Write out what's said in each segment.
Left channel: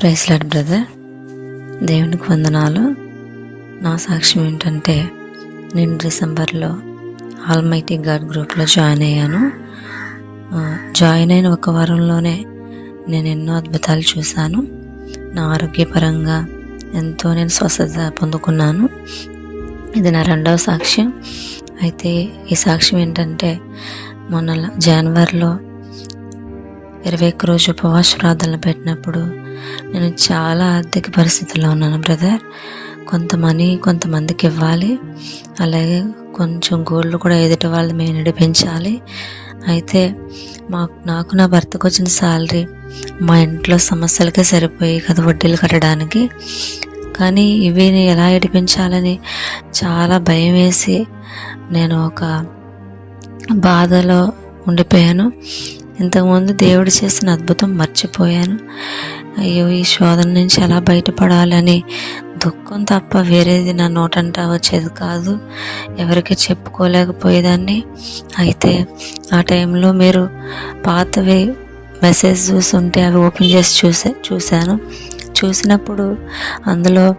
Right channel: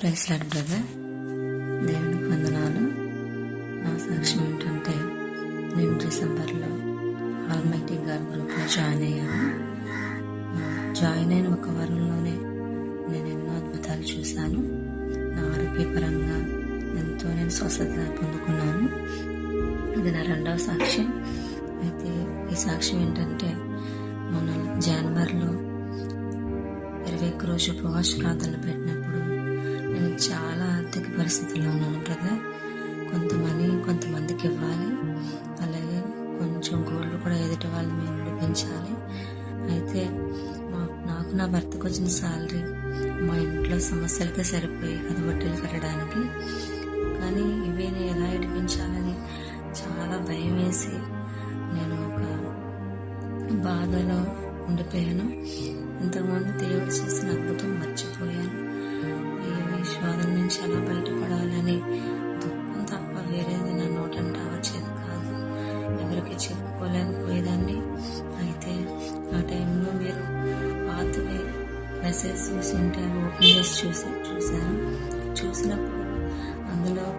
Price lord brother. దేవునికి వందనాలు. నా సాక్ష్యం ఏంటంటే నేను డిసెంబర్లో ఆల్మైటీ గాడ్ గ్రూప్లో జాయిన్ అయ్యాను. జాయిన్ అయిన ఒక వారంలోనే నేను ఎన్నో అద్భుతాలు చూశాను. నా ఆరోగ్యపరంగా ఎంతో నేను స్వస్థత పొందుకున్నాను. ఇది నా రెండవ సాక్ష్యం. అయితే ఈ సాక్ష్యం ఏంటంటే మొన్న జనవరిలో ఇరవై ఒక్క రోజు ఉపవాస ప్రార్థనలు పెట్టినప్పుడు నేను చాలా ఆర్థిక పరిస్థితుల్లో ఉన్నాను బ్రదర్ కొంత మనీ కొంతమందికి ఇవ్వాలి. అలాగే కొంచెం గోల్డ్ కూడా ఎదుటి వాళ్ళు మేము నడిపించాలి. అయితే మా నాకు నా భర్తకు వచ్చిన శాలరీ మా ఇంట్లో సమస్యలకే సరిపోయి కదా వడ్డీలు కట్టడానికి. కానీ ఇవి నేను ఎలా ఏడిపించాలని చాలా భయం వేసి నేను ఒక బాధలో ఉండిపోయాను. ఇంతకుముందు దేవుడు చేసిన అద్భుతం మర్చిపోయాను. అయ్యో ఈ శోధన నుంచి ఎలా బయటపడాలని దుఃఖం తప్ప వేరేది నా నోటంట వచ్చేది కాదు. ఎవరికి చెప్పుకోలేకపోయేదాన్ని. అయితే ఆ టైంలో మీరు పాతవి మెసేజ్ చూస్తుంటే అవి ఓపెన్ చేసి చూసే చూశాను. చూసినప్పుడు అందులో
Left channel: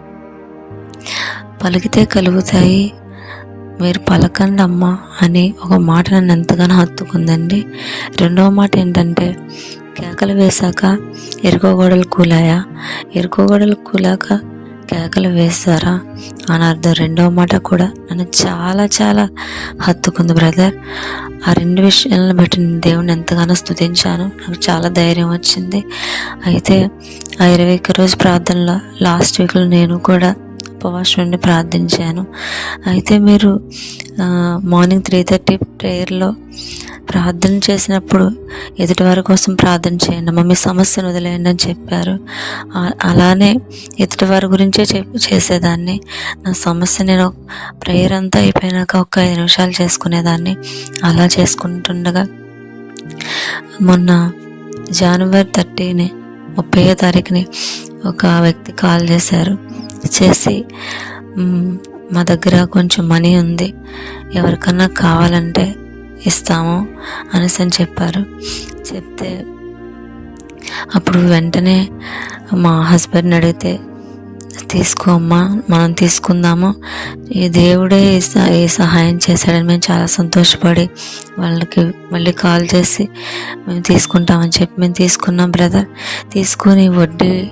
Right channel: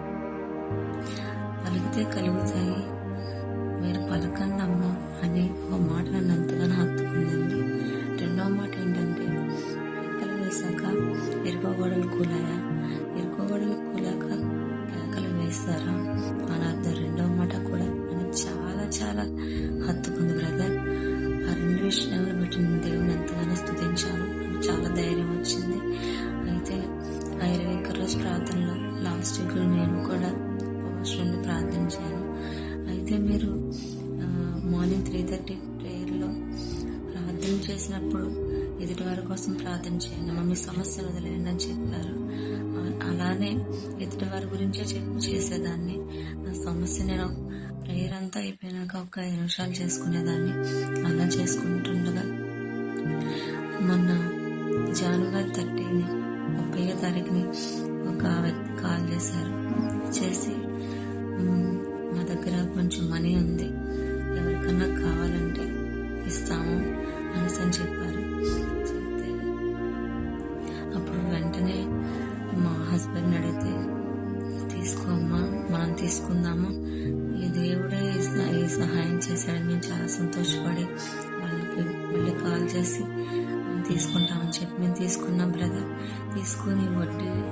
పలికితే కలుగుతాయి మీరు పలకండి అమ్మ అని ఒక మాట నన్ను ఎంతగానో హత్తుకుందండి. రెండవ మాట ఏంటంటే కేకలు వేశాక ఎరుకోగోడలు కూలాయా? ఎరుకోగోడలు కూలాక కేకలు వేస్తారా అని అర్థం రెండవ మాట కూడా నన్ను చాలా చాలా హత్తుకుంది బ్రదర్. ఆ రెండు విషయాలను బట్టి నేను దేవుని ఎంతగానో స్తుతించాను. నాకు చాలా ధైర్యం వచ్చింది. అయితే ఆ ఇరవై ఒక్క రోజు ప్రార్థనలో లాస్ట్ వీక్లో నేను కూడా ఉపవాసం ప్రార్థించాను. అయితే మీరు మార్నింగ్ త్రీ థర్టీ ప్రేయర్లో ప్రార్థన చేసినప్పుడు ఎదుటివారి కోసం ప్రార్థన చేయండి. అమ్మ మీ సమస్యను వదిలేయండి అని చెప్పారు. అలానే ఎదుటివారి గురించే చేసేదాన్ని. నా సమస్య నేను ప్రేయర్ అంతా అయిపోయినాక ఒక ఐదు నిమిషాలు చేసుకునేదాన్ని. అలా చేసుకుంటుండగా మొన్న జనవరి థర్టీని ముప్పై తారీఖుని ఒక వ్యక్తి కాల్ చేశారు. చేసి మా దగ్గర కొంచెం మనీ ఉంది. ఎవరికన్నా కావాలంటే ఇస్తాము అనేసి అని చెప్పారు. చెప్తే అప్పుడు వెంటనే మా హస్బెండ్ని అడిగితే తీసుకో అమ్మా మనం తీసుకుందాము. ఈ దేవుడే ఈ సహాయం చేశాడని మేము చాలా సంతోషపడి వాళ్ళకి మళ్ళీ కాల్ చేసి మేము తీసుకుంటామని చెప్పి మేము తీసుకున్నాం బ్రదర్. తీసుకొని వడ్డీ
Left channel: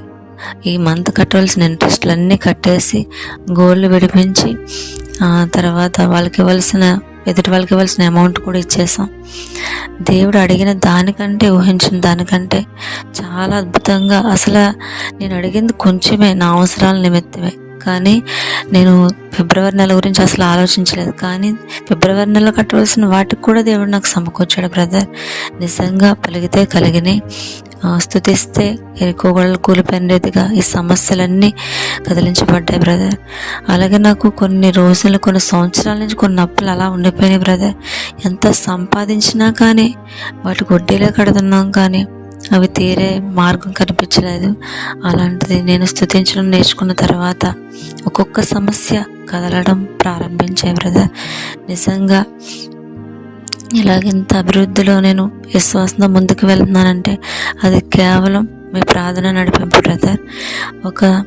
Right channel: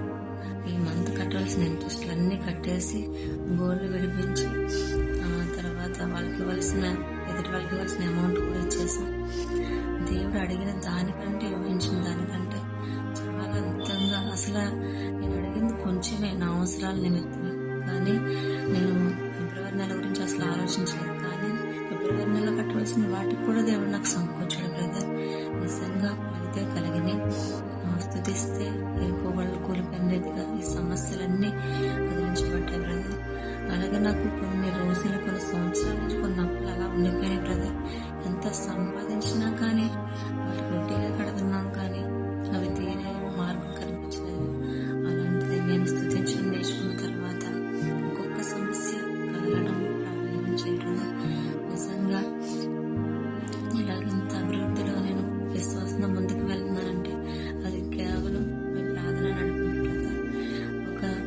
ఈ మంత్ కట్టవలసిన ఇంట్రెస్ట్లు అన్నీ కట్టేసి గోల్డ్ విడిపించి ఆ తర్వాత వాళ్ళకి ఇవ్వాల్సిన ఎదుటి వాళ్ళకి ఇవ్వాల్సిన అమౌంట్ కూడా ఇచ్చేసాం. దేవుడు అడిగిన దానికంటే ఊహించిన దానికంటే చాలా అద్భుతంగా అసలు నేను అడిగింది కొంచెమే నా అవసరాల నిమిత్తమే. కానీ నేను ఫిబ్రవరి నెల గురించి అసలు ఆలోచించలేదు. కానీ ఫిబ్రవరి నెల కట్టవలసిన వాటికి కూడా దేవుడు నాకు సమకూర్చాడు బ్రదర్ నిజంగా పలిగితే కలిగినాయి స్థుతిస్తే స్తుతిస్తే ఎరుకోగడలు కూలిపోయిన రీతిగా ఈ సమస్యలన్నీ కదిలించబడ్డాయి బ్రదర్ అలాగే నాకు కొన్ని రోజులు కొన్ని సంవత్సరాల నుంచి కొన్ని అప్పులు అలా ఉండిపోయినాయి బ్రదర్ ఎంత సంపాదించినా కానీ వాటికి వడ్డీలే కడుతున్నాం కానీ అవి తీరే మార్గం కనిపించలేదు. అలాంటిది నేను స్థుతించడం నేర్చుకున్న తర్వాత ఒక్కొక్క సమస్య కదలడం ప్రారంభించాయి బ్రదర్ నిజంగా ఇలాగింత అభివృద్ధిలో నేను విశ్వాసంతో ముందుకు వెళ్తున్నానంటే అది కేవలం మీ ప్రార్థన నడిపింపు బ్రదర్. ఒక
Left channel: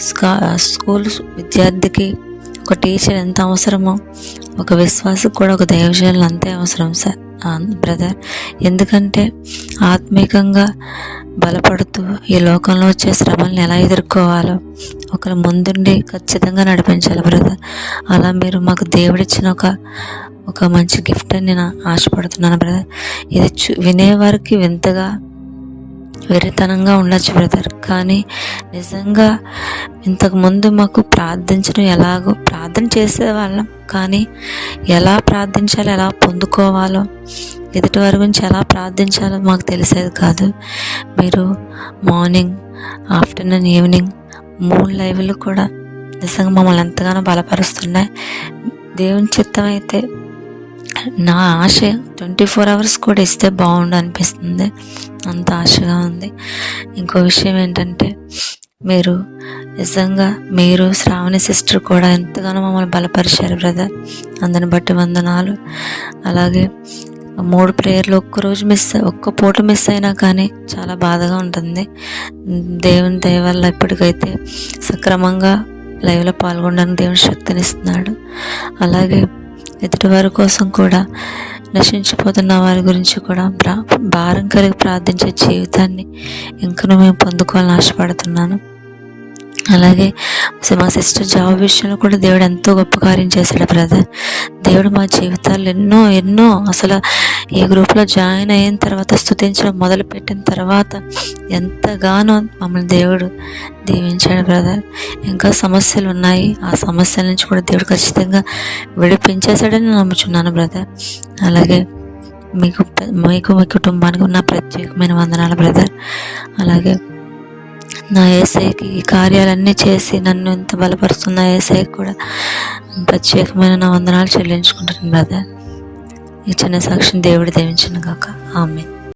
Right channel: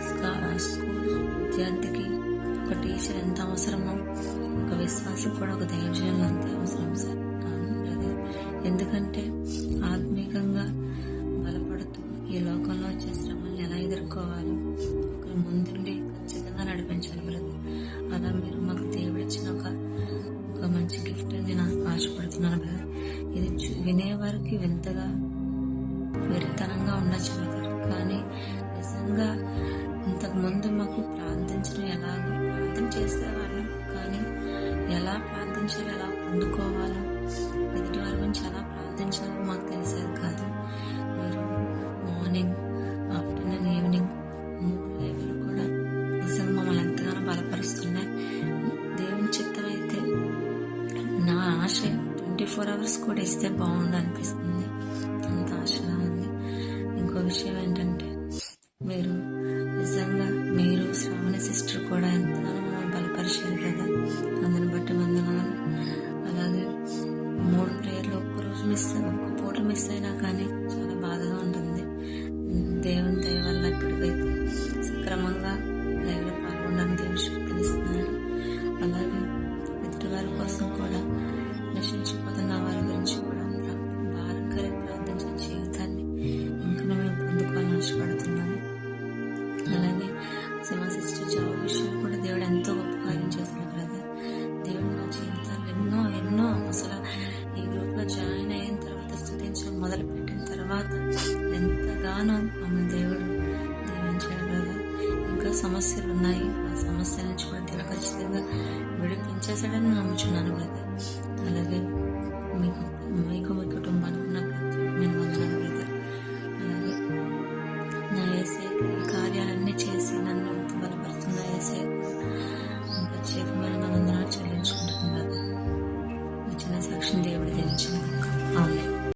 స్కా స్కూల్ విద్యార్థికి ఒక టీచర్ ఎంత అవసరమో ఒక విశ్వాసకు కూడా ఒక దైవజనులు అంతే అవసరం సార్ బ్రదర్. ఎందుకంటే ఆత్మీకంగా బలపడుతూ ఈ లోకంలో వచ్చే శ్రమల్ని ఎలా ఎదుర్కోవాలో ఒకరు ముందుండి ఖచ్చితంగా నడిపించాలి బ్రదర్. అలా మీరు మాకు దేవుడిచ్చిన ఒక ఒక మంచి గిఫ్ట్ అని నేను ఆశపడుతున్నాను బ్రదర్ ఇది చూ వినేవారికి వింతగా వెరితనంగా ఉండొచ్చు బ్రదర్ కానీ నిజంగా ఇంతకుముందు మాకు ప్రార్థించడం ఎలాగో ప్రార్థన చేసేవాళ్ళం. కానీ ఎలా ప్రార్థించాలో ఎలా పొందుకోవాలో ఎదుటి వారి గురించి ఎలా ప్రార్థించాలో మాకు తెలిసేది కాదు. మీరు మార్నింగ్ ఆఫ్టర్నూన్ ఈవినింగ్ మూడు లైవ్లు కూడా నిజంగా మమ్మల్ని ఎంతగానో బలపరుస్తున్నాయి. దేవుని చిత్తం అయితే నా ఆశ ట్వంటీ ఫోర్ అవర్స్ కూడా ఇస్తే బాగుండు అనిపిస్తుంది అంత ఆశగా ఉంది. ఇంకో విషయం ఏంటంటే మీరు నిజంగా మీరు శ్రావణి సిస్టర్ కూడా ఎంతగానో మమ్మల్ని బలపరిచారు బ్రదర్. అందరిని బట్టి వందనాలు. అలాగే మూడు ప్రేయర్లు ఒక్కరోజు మిస్ ఒక్క పూట మిస్ అయినా కానీ చాలా బాధగా ఉంటుంది. దేవుని దయ వల్ల ఇప్పటికైతే సక్రమంగా లైవ్లో పాల్గొనడానికి దేవుని శక్తినిస్తున్నాడు. అలాగే ఎదుటి వారి కోసం కూడా నశించిపోతున్న వారి గురించి కూడా ప్రా భారం కలిగి ప్రార్థించే జీవితాన్ని ఇంకనూ మేము పొందుకోవాలని ఆశపడుతున్నాను. అలాగే మా సిస్టర్ జాబ్ విషయంలో కూడా దేవుడు ఎంతో గొప్ప కార్యం చేశాడు బ్రదర్. దేవుడు మా జీవితాలు ఎన్నో ఎన్నో అసలు ఈ గ్రూప్లో జాయిన్ అయిన తర్వాత స్థుతించడం మొదలుపెట్టిన తర్వాత ఎంతగానో మమ్మల్ని దేవుడు దీవించాడు బ్రదర్. ఇంకా సమస్యలు ఉన్నాయి. ఆ సమస్యల నుంచి కూడా దేవుడు ఖచ్చితంగా విడిపించేశాడని నమ్ముచున్నాను బ్రదర్. అలాగే మీకు మీకు మీ కుటుంబానికి ఉన్న ప్రత్యేకమైన వందనాలు బ్రదర్. అలాగే నా ఏసైకి ఈ కార్యాలన్నీ చేసి నన్ను ఎంత బలపరుస్తున్న ఏసైకి కూడా ప్రత్యేకమైన నా వందనాలు చెల్లించుకుంటున్నాను బ్రదర్. ఈ చిన్న సాక్షిని దేవుడు దీవించిన కాక ఆమె